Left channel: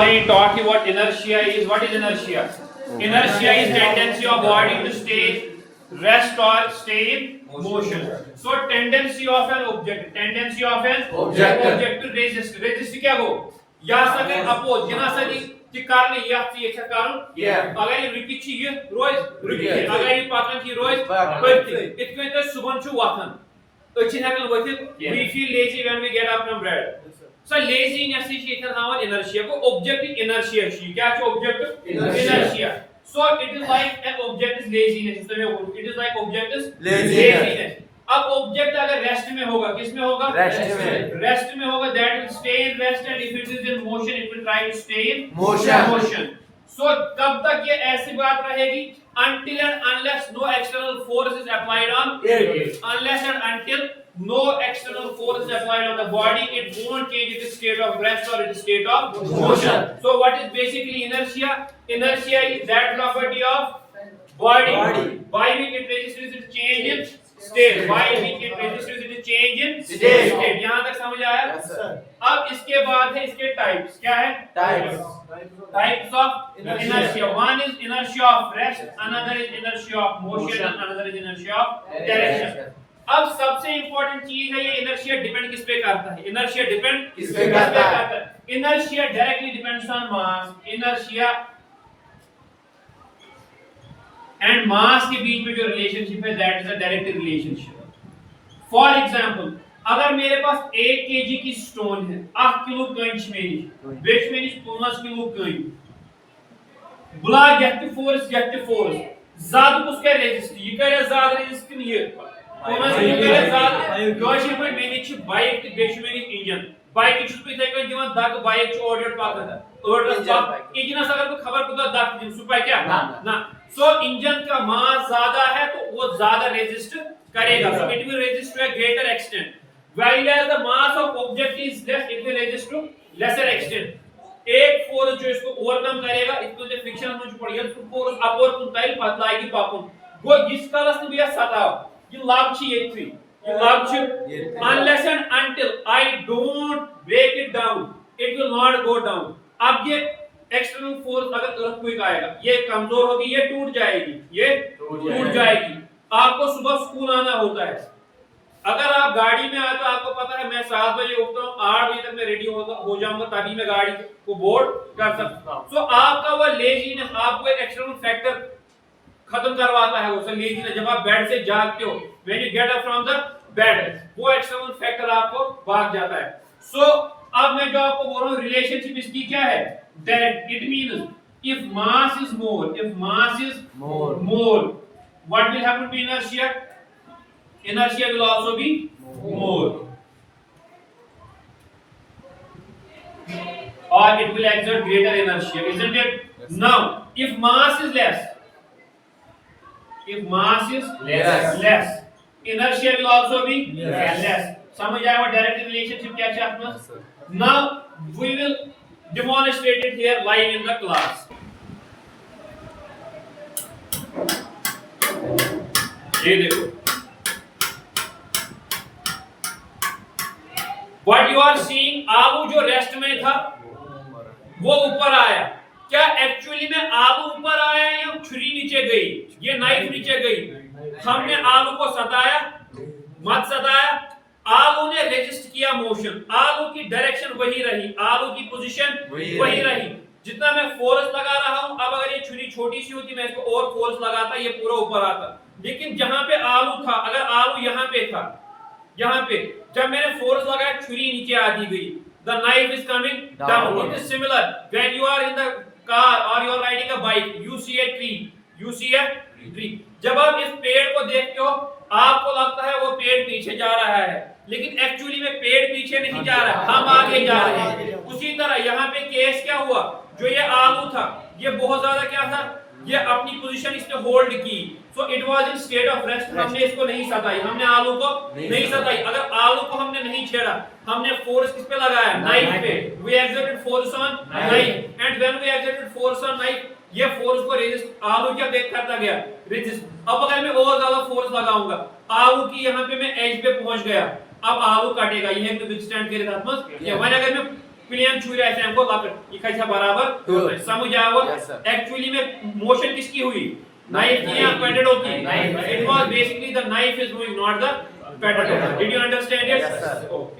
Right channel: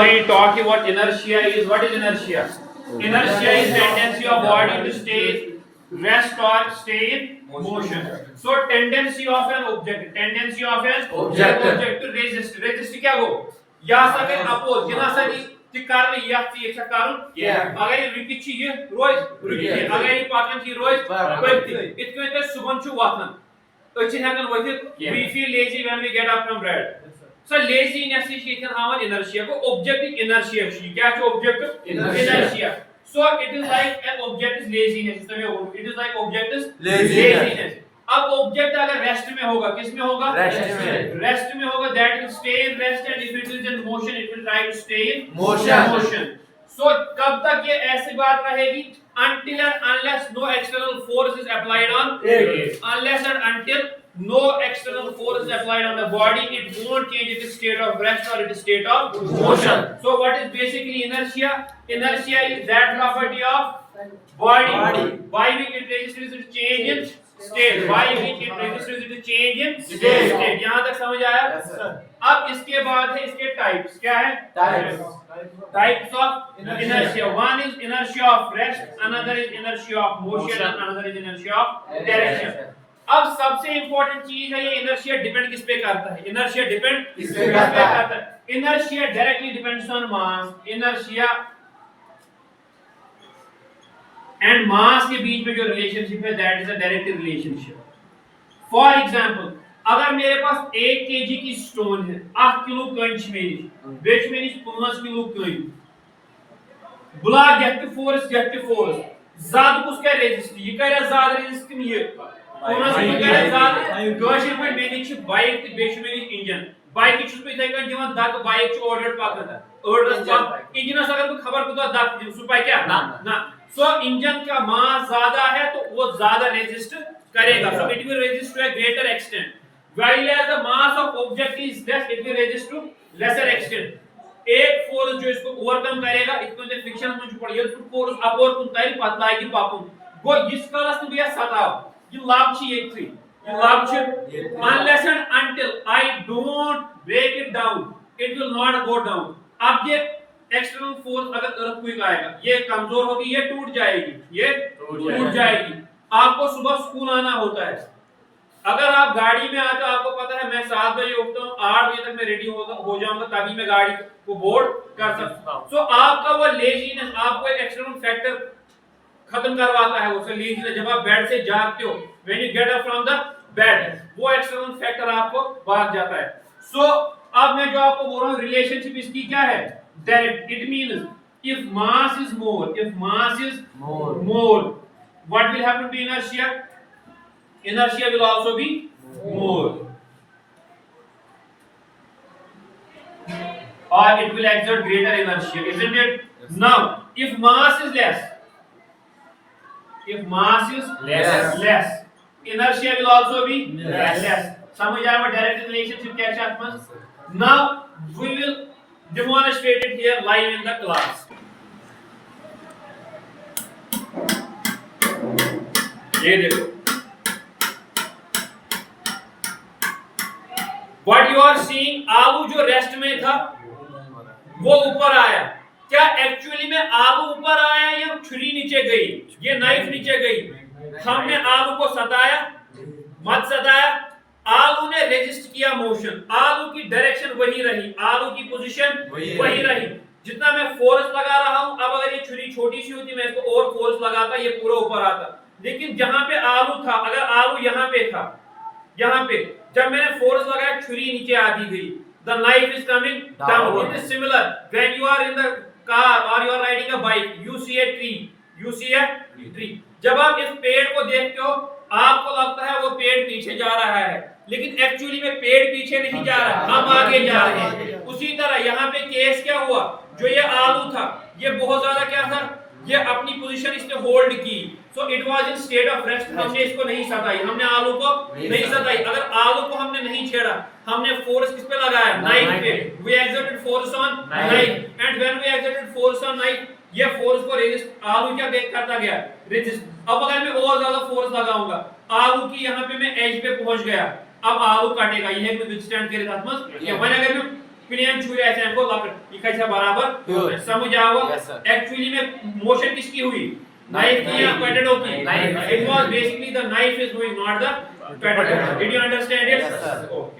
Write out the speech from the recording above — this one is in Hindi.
We talked what inertia is. What is inertia? Inertia is tendency of body to stay rest or stay in motion. So tendency of an object to resist. Resist क्या हो? या सके oppose. जिना सरी कि कारण या चीज का कारण अगर ये रुकी ची ये रोज रुकी अगर ये पाकन ची रोज पड़ती इतने तो सुबह छु वाथन अच्छी हैकल वही we feel lazy when we get up from bed. So laziness is inertia को object inertia क्या है object inertia. So it is like an object is laziness. It is like object is laziness. अब object अगर rest में होगा किस में होगा rest में होगा that will stay in rest and if it is in motion it will try to stay in motion. So कब तक ये ऐसी बात रहेगी until and unless no external force is applied on it. Unless and until no external force is applied on the body, it won't change its state of rest or its state of motion. So what is basically inertia? Inertia is that property of body by which it registers its change in state. By which it registers its change in state. यहाँ तक समझ आया? अब इसके बाद है इसके types. क्या है? Types of inertia. One is inertia of rest, another is inertia of motion, and another is inertia of direction. अब सबसे इंपॉर्टेंट चीज है ये इनर्शिया डिपेंड किस पे करता है इनर्शिया डिपेंड किस पे करता है inertia directly depends on mass inertia and mass के बीच में जो रिलेशनशिप है that is a direct relationship for example अगर मेरे पास 1 केजी की स्टोन है 8 किलो कंच में बेच में 5 किलो कंच बुला गेट फोर्स ज्यादा कुछ क्या रेजिस्ट ये करे ज्यादा रेजिस्ट नहीं है बाइक इंजन बाइक दग बाइक ओडर इंजन अगर खबर दग क्या ना सो इंजन का मास ज्यादा है तो वो ज्यादा रेजिस्ट करेगा so it will resist to a greater extent whereas the mass of object is less it will resist to lesser extent एक फोर्स जो इसको ओवरकम करेगा इसको जो फ्रिक्शन में जो पड़ेगा तो फोर्स अपवर्ड कुन तैल पतलाएगी पापुन गो इस कालस ने बिया सताव ये लाभ छी ये लाभ छी unless and until I don't break it down it will not go down अब ये एक्सटर्नल फोर्स अगर अर्थक्वेक आएगा ये कमजोर होगी ये टूट जाएगी आपको सुबह स्कूल आना होता है अगर आप गाड़ी में आते हो आपको पता है मैं 7 बजे उठता हूँ 8 बजे तक मैं रेडी हो जाऊंगा तभी मैं गाड़ी को बोर्ड कर सकता हूँ तो आपका वो लेजीनेस आपको एक एक्सटर्नल फैक्टर खत्म करवाता है वो लेजीनेस जब आप बेड से जागते हो when you get up from the bed वो एक्सटर्नल फैक्टर आपको भाग जाता है सो अब मैं जो आपको बोल रहा हूँ रिलेशनशिप इसकी क्या है that it means if mass is more what will happen to inertia will also be more or it will exert greater inertia isn't it yes. Now if mass is less inertia will also be less समझ आया वो डायरेक्ट रिलेशनशिप क्या है आपस now we will demonstrate it here live in the class ये देखो What you are seeing आलू जो रेस्ट में था वो ऊपर आया क्या एक्चुअली में आलू ऊपर आया या छुरी नीचे गई ये नाइफ नीचे गई हमने आलू को सताया मत सताया आलू ने रेजिस्ट किया मोशन आलू की डायरेक्शन वही रही आलू की पोजीशन वही रही जितना मैं फोर्स लगा रहा हूं अब अगर ये छुरी छोटी सी होती मैं इसको और फोर्स लगाता ये पूरा ऊपर आता लेकिन जहां पे आलू था अगर आलू यहां पे था यहाँ पे जब मैंने फोर्स लगाया छुरी नीचे आ दी गई the knife is coming down it is similar when you are in the car or you are riding a bike you see a tree जब आप इस पेड़ को देखते हो आपको लगता है वो पेड़ पीछे जा रहा है लेकिन एक्चुअली में पेड़ पीछे नहीं जा रहा है हम आगे जा रहे हैं उसी तरह यहाँ पे केस क्या हुआ जो ये आलू था ये बहुत ज्यादा क्या था ये अपनी पोजीशन इसने होल्ड की so it was in state of rest हमने इसको नहीं सताई हमने आलू को नहीं सताई अगर आलू को हमने नहीं छेड़ा हमने फोर्स किस पे लगाया नाइफ पे we exerted force on knife and when we exerted force on knife ये फोर्स को रेजिस्ट आलू क्या करता गया रेजिस्ट अब अगर मैं और ज्यादा फोर्स लगाऊंगा आलू की यहाँ पे मैं एज पे पहुंच गया अब आलू काटेगा ये विथस्टैंड के साथ मत ये अगर मैं प्लेन छुरी ऐसे हमको लपट ये कैसा बराबर समझ आओ एक्चुअली में मोशन किसकी हुई नाइफ की या पोटैटो की it was basically the knife is moving not the potato did you understand it okay